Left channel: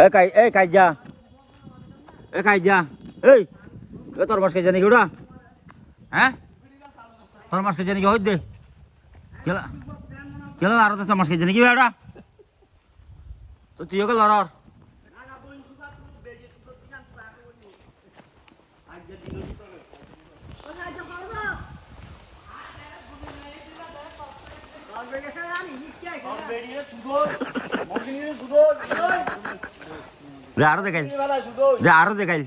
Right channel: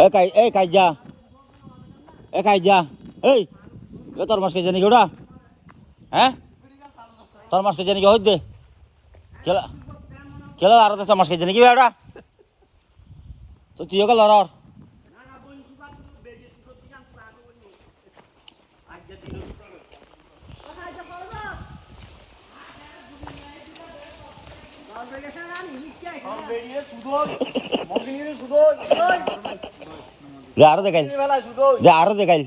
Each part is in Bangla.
এ কাই, এ কাইজা এ কাইজা এই তোর মাস কাইজা নাকি ওটা? হ্যাঁ? তোর মাস কাইজা নাকি হইত? খেলা খেলা আর তোর মাস কাইজা নাকি ওটা? তো তুইও গেল আর। আরও দেখাইল। আরও দেখাইল।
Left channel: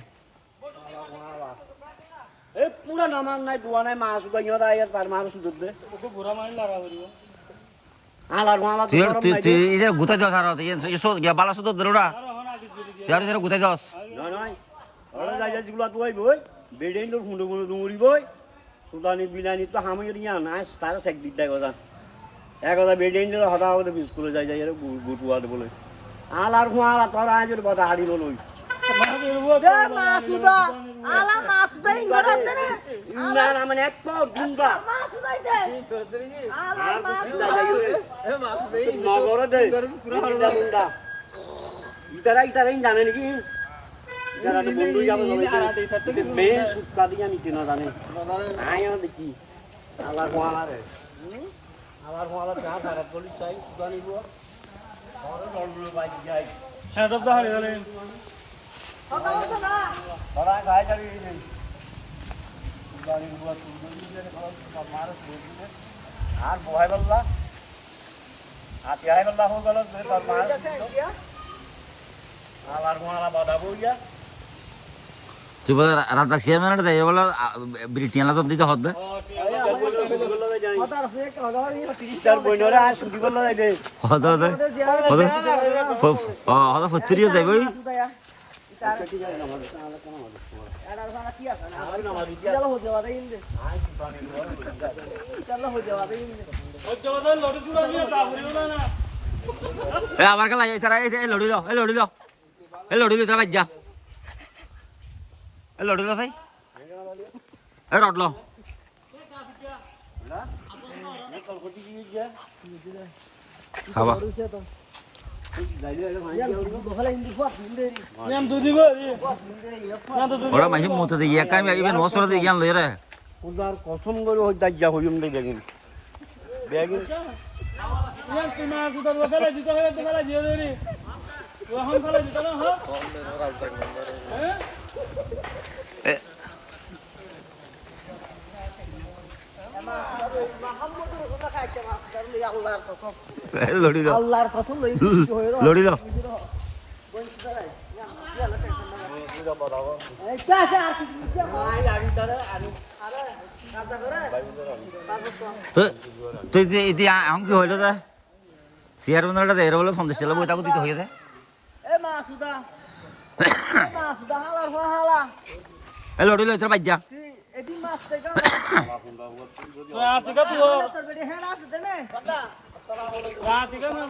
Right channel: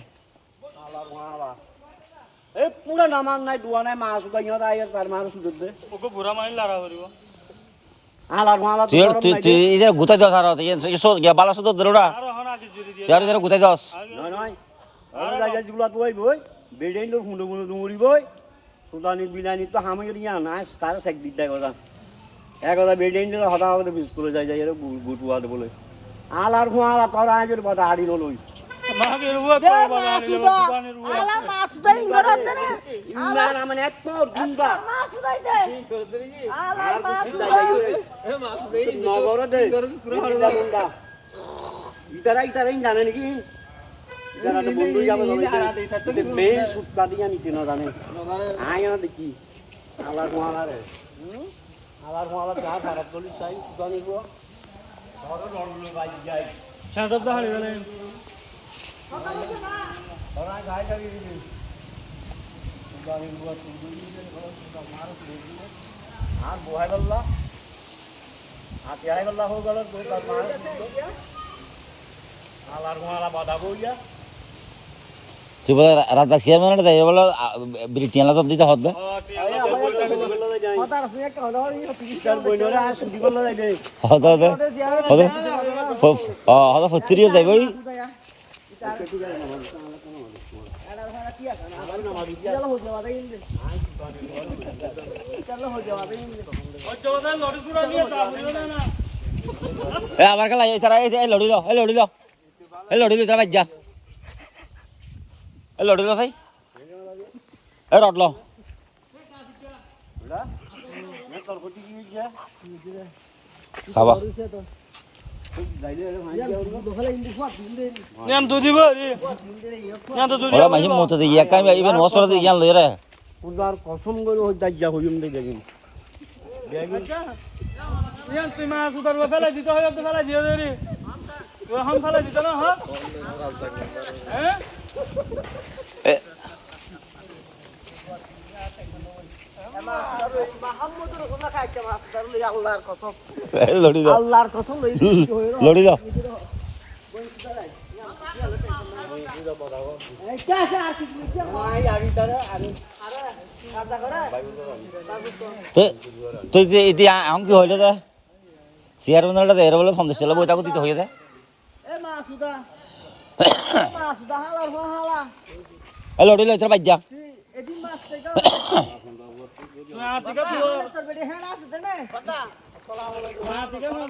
এই পুরা নামান নাই ডুয়া নাই মাছ উদাইয়া দাই তার মাছ সুদর দে। ওকে বুড়া মাইল লারা করিব আলার মালা তুই তুই তুই এটা গুতাই দাস আর সো গিয়া বালা সুতো দরোড়া আরও হন আটি জুরি দিয়ে। তুই আর যেন গুতাই দাস নয় নয় আরে যাই যাই গুলা তুই বই বেডেন ফুন্ডু ফুন্ডু দুমুরি বই সুদানি বিলানি তো হামি ইয়া না তার সেক দিতে কথা এক কথা বেডেন তোর হদা হদা বিস করে যাই যাই গুটুয়া দে বলে। আলার ফুয়ালা তোর আজ কথা হাড়ি আলা আলা ইতারা ইতারা জানে নাকি? যারা তো বন্ধু যাবে মেন সুটকা দিয়া নিতে না জানে। আয় দেখি। আলার কোয়ালা রে আলার কোয়ালা চা খারাপ বলি চাই ধরো লড়লো যাই। সেটা তো ধরা গায়ে মার আর বহাই বললা আর পেহাই বললা হয়ে গেল আলার কোয়ালা বাধা বইয়া তুই বলে রাত চেয়ারম্যান দেয় বলে ব্রিটিয়ান তো দিতে হত বইনরা আর ছুটি করল যাই দে হত হত হত হত যাইব এ আবার খেলা এই তারা এই এই লড়ি লো এই লড়ি লো এই লড়ি লো তারা এই লড়ি লো সাই এই রড লো ওরা মাঝে মতো দিয়ে একা আমি ইবেন মসর দিয়ে জ্ঞান লই পূজার কসম করে ওই দাজ্জা হইম দে বেগিন। বেগিন। নিয়ম তুই মা সুদার ফেলা দিতে হয় তো ফেলা দিও রে ও ফেলা দিতে না হ্যাঁ হ্যাঁ এ আল্লাহর কসম এই লড়ি লো আল্লাহর কসম লই লড়ি লো এই কে আছে আর কি কি আই আরি তারে আরি আরে কাজা করে। তো তুই যে ইতি আম কি হইল দে চেয়ারম্যানটা দে এর বলে সন্দেশ চালা বইটাকে দিতে হইয়ে দে এ মাসুদা মাসুদা হালার হো হালা। এই লড়ি লো তুই এদিন মাছ থেকে তুই তোর বেটি হ্যাঁ আছে দেনে আতিকা না